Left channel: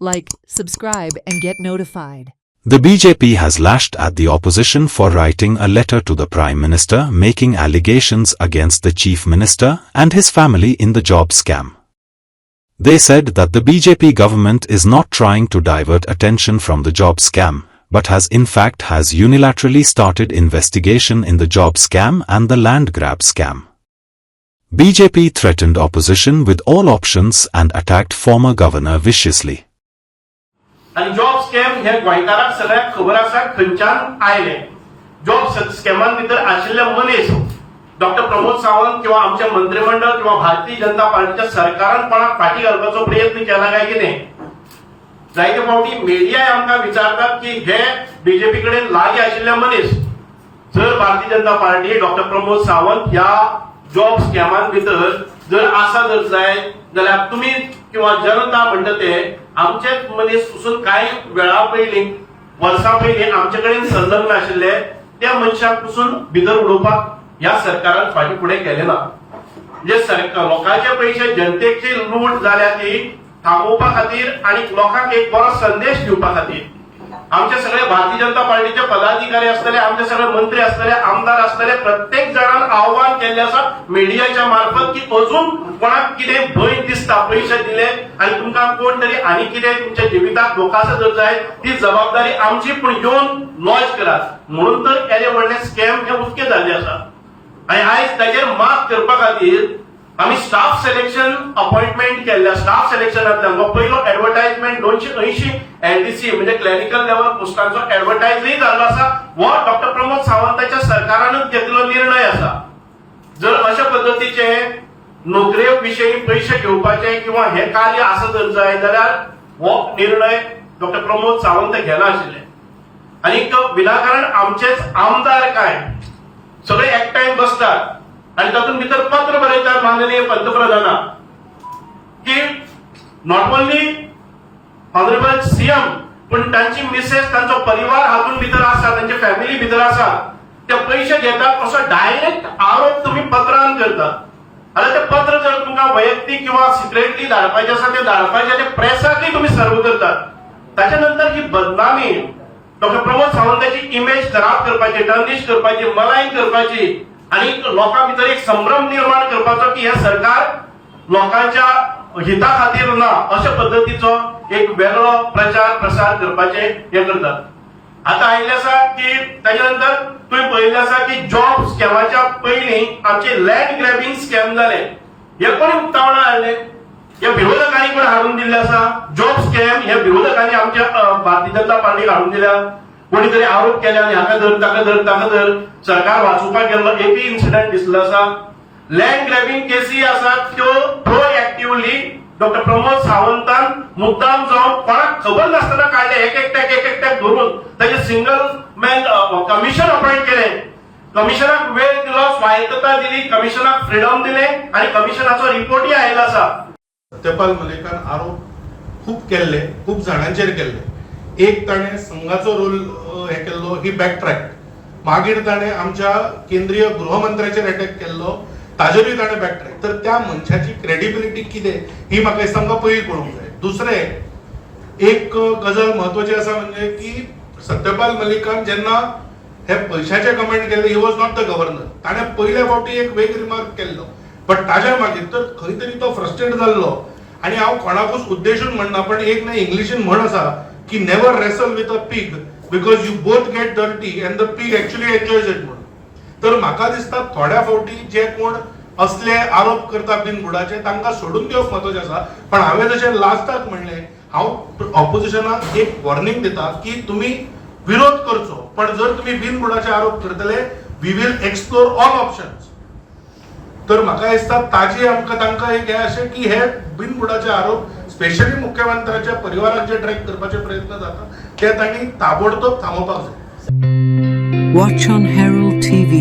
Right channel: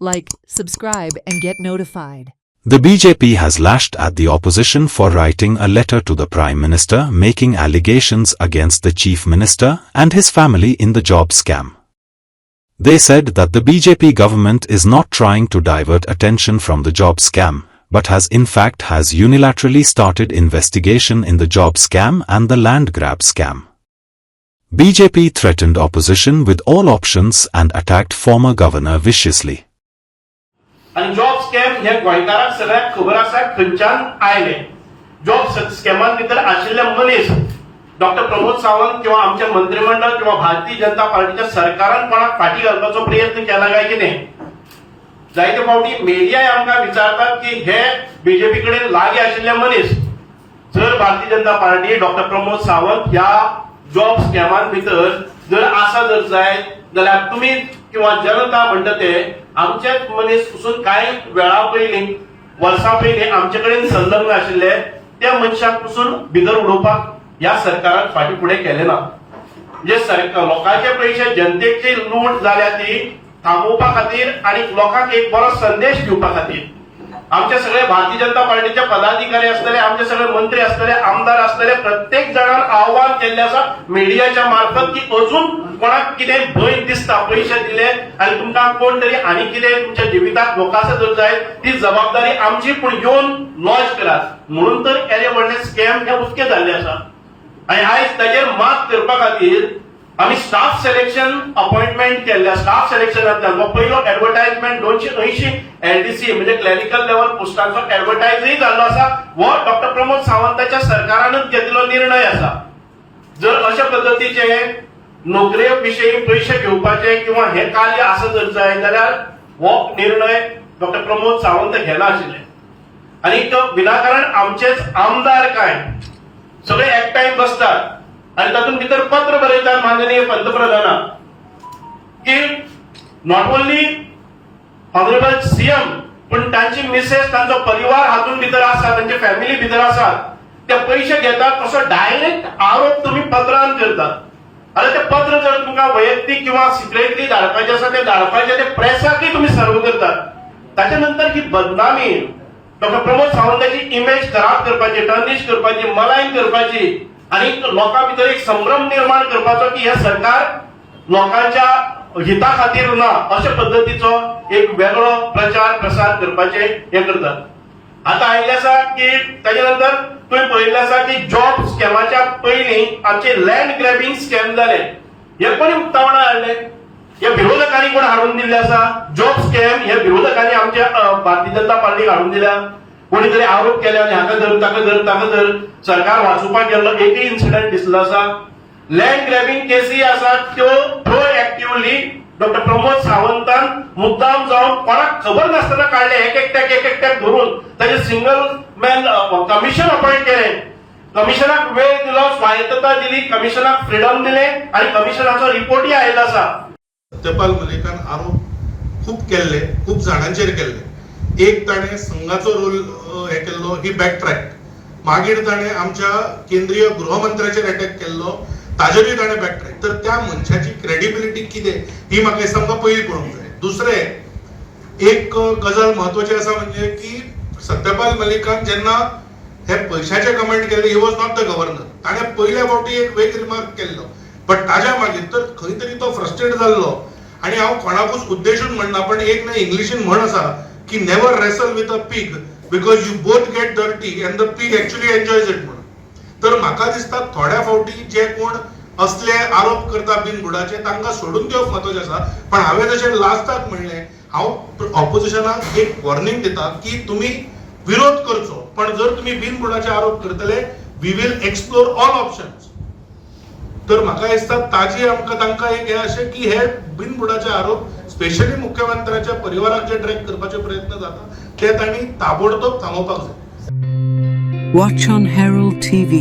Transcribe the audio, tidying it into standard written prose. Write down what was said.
Like, subscribe and get notified. The BJP has lashed at the opposition for writing a letter to the Prime Minister making allegations against the Chief Minister and his family in the job scam. They said that the BJP government is not trying to divert attention from the job scam, but has unilaterally started investigation in the job scam and the land grab scam. BJP threatened opposition with all options and attacked former governor viciously. आणि job scam हे गोंयकारांक सगळ्याक खबर आसा खंयच्यान आयले. Job स्कॅमान भितर आशिल्ले मनीस डॉक्टर प्रमोद सावंत किंवा आमचे मंत्रिमंडळ किंवा भारतीय जनता पार्टीच्या सरकारान कोणाक फाटी घालपाचो प्रयत्न केला काय कितें. जायते फावटी मिडियाय आमकां विचारतात की हे बीजेपी कडेन लागीं आशिल्ले मनीस जर भारतीय जनता पार्टी डॉक्टर प्रमोद सावंत ह्या जॉब स्कॅमान भितर जर आसा जर जाय जाल्यार तुम्ही किंवा जनता म्हणटा ते आमचेच मनीस पसून कांय वेळा पयलीं वर्सां पयलीं आमचे कडेन संलग्न आशिल्ले त्या मनशाक पसून भितर उडोवपाक ह्या सरकारान फाटी फुडें केलें ना. म्हणजे लोकांचे पयशे जनतेची लूट जाल्या ती थांबोवपा खातीर आणि लोकांक एक बरो संदेश दिवपा खातीर आमचे सगळे भारतीय जनता पार्टीचे पदाधिकारी आसतले, आमचे सगळे मंत्री आसतले, आमदार आसतले, प्रत्येक जाणान आव्हान केल्ले आसा मिडियाच्या मार्फत की अजून कोणाक कितें भंय दिसता पयशे दिले आनी तुमकां कोण तरी आनी कितें तुमच्या जिवितांत धोका जर जाय ती जबाबदारी आमची, पूण येवन लॉन्च करात म्हणून तर केले व्हडले स्कॅम हे उक्ते जाल्ले आसा. आनी आयज ताचेर मात करपा खातीर आम्ही स्टाफ सिलेक्शन अपॉइंटमेंट केल्ल्या स्टाफ सिलेक्शनांतल्यान पयलो एडव्हर्टायजमेंट 280 एलडीसी म्हणजे क्लॅरिकल लेवल पोस्टांचो एडव्हर्टायजय जाल्लो आसा. हो डॉक्टर प्रमोद सावंताच्या सरकारानच घेतलेलो निर्णय आसा. जर अशा पद्दतीचे नोकरे विशयी पयशे घेवपाचे किंवा हे कार्य आसा जर जाय जाल्यार हो निर्णय डॉक्टर प्रमोद सावंत घेला आशिल्ले. आनी विनाकारण आमचेच आमदार काय सगळे एकठांय बसतात आणि तातूंत भितर पत्र बरयतात माननीय पंतप्रधानाक की नॉट ओन्ली ऑनरेबल सीएम पण तांची मिसेस तांचो परिवार हातून भितर आसा, तांची फॅमिली भितर आसा, ते पयशे घेतात असो डायरेक्ट आरोप तुम्ही पत्रान करतात. आनी ते पत्र जर तुमकां वैयक्तीक किंवा सिक्रेटली धाडपाचे आसा ते धाडपाचे ते प्रेसाकय तुम्ही सर्व करतात. ताच्या नंतर ही बदनामी डॉक्टर प्रमोद सावंताची इमेज खराब करपाची, टर्निश करपाची, मलाईन करपाची आणि लोकां भितर एक संभ्रम निर्माण करपाचो की हे सरकार लोकांच्या हिता खातीर ना अशा पद्दतीचो एक वेगळो प्रचार प्रसार करपाचे हे करतात. आता आयिल्ले आसा की ताच्या नंतर तुम्ही पळयल्ले आसा की जॉब स्कॅमाच्या पयलीं आमचे लँड ग्रॅबिंग स्कॅम जाले. हे कोणी उक्तावणां हाडले? हे विरोधकांनी कोण हाडून दिल्ले आसा? जॉब स्कॅम हे विरोधकांनी आमच्या भारतीय जनता पार्टीक हाडून दिल्या. कोणीतरी आरोप केले आणि हाका धर ताका धर ताका धर सरकार वाचोवपाक गेल्लो एकय इन्सिडंट दिसलो आसा. लँड ग्रॅबिंग केसी आसा त्यो प्रोएक्टिव्हली डॉक्टर प्रमोद सावंतान मुद्दाम जावन कोणाक खबर नासतना काढले, एक एकट्याक धरून ताचे सिंगल मॅन कमिशन अपॉइंट केले. कमिशनाक वेळ दिलो, स्वायत्तता दिली, कमिशनाक फ्रीडम दिले आणि कमिशनाचो रिपोर्टय आयिल्लो आसा. सत्यपाल मलिकान आरोप खूप केल्ले, खूप जाणांचेर केल्ले. एक ताणे संघाचो रोल हे केल्लो, ही बॅकट्रॅक. मागीर ताणे आमच्या केंद्रीय गृहमंत्र्याचेर अटॅक केल्लो, ताजेरूय ताणे बॅकट्रॅक. तर त्या मनशाची क्रेडिबिलिटी कितें ही म्हाका दिसता आमकां पयलीं कळूंक जाय. दुसरें एक गजाल महत्वाची आसा म्हणजे की सत्यपाल मलिकान जेन्ना हे पयशाचे कमेंट केले, he was not the governor. ताणे पयल्या फावटी एक वेग रिमार्क केल्लो, बट ताज्या मागीर तर खंय तरी तो फ्रस्ट्रेट जाल्लो. आनी हांव कोणाकूच उद्देशून म्हणना, पण एक ना इंग्लिशीन म्हण आसा की never wrestle with a pig because you both get dirty and the pig actually enjoys it म्हणून. तर म्हाका दिसता थोड्या फावटी जे कोण असले आरोप करता बिनबुडाचे तांकां सोडून दिवप महत्वाचें आसा. पण हांवें जशें लास्टाक म्हणलें, हांव ऑपोजिशनाक एक वॉर्निंग दिता की तुम्ही विरोध करचो, पण जर तुम्ही बिनबुडाचे आरोप करतले we will explore all options. तर म्हाका दिसता ताजी आमकां तांकां एक हे अशें की हे बिनबुडाचे आरोप स्पेशली मुख्यमंत्र्याच्या परिवाराक जे ट्रॅक करपाचे प्रयत्न जाता ते तांणी ताबडतोब थांबोवपाक जाय. Watch on Herald TV.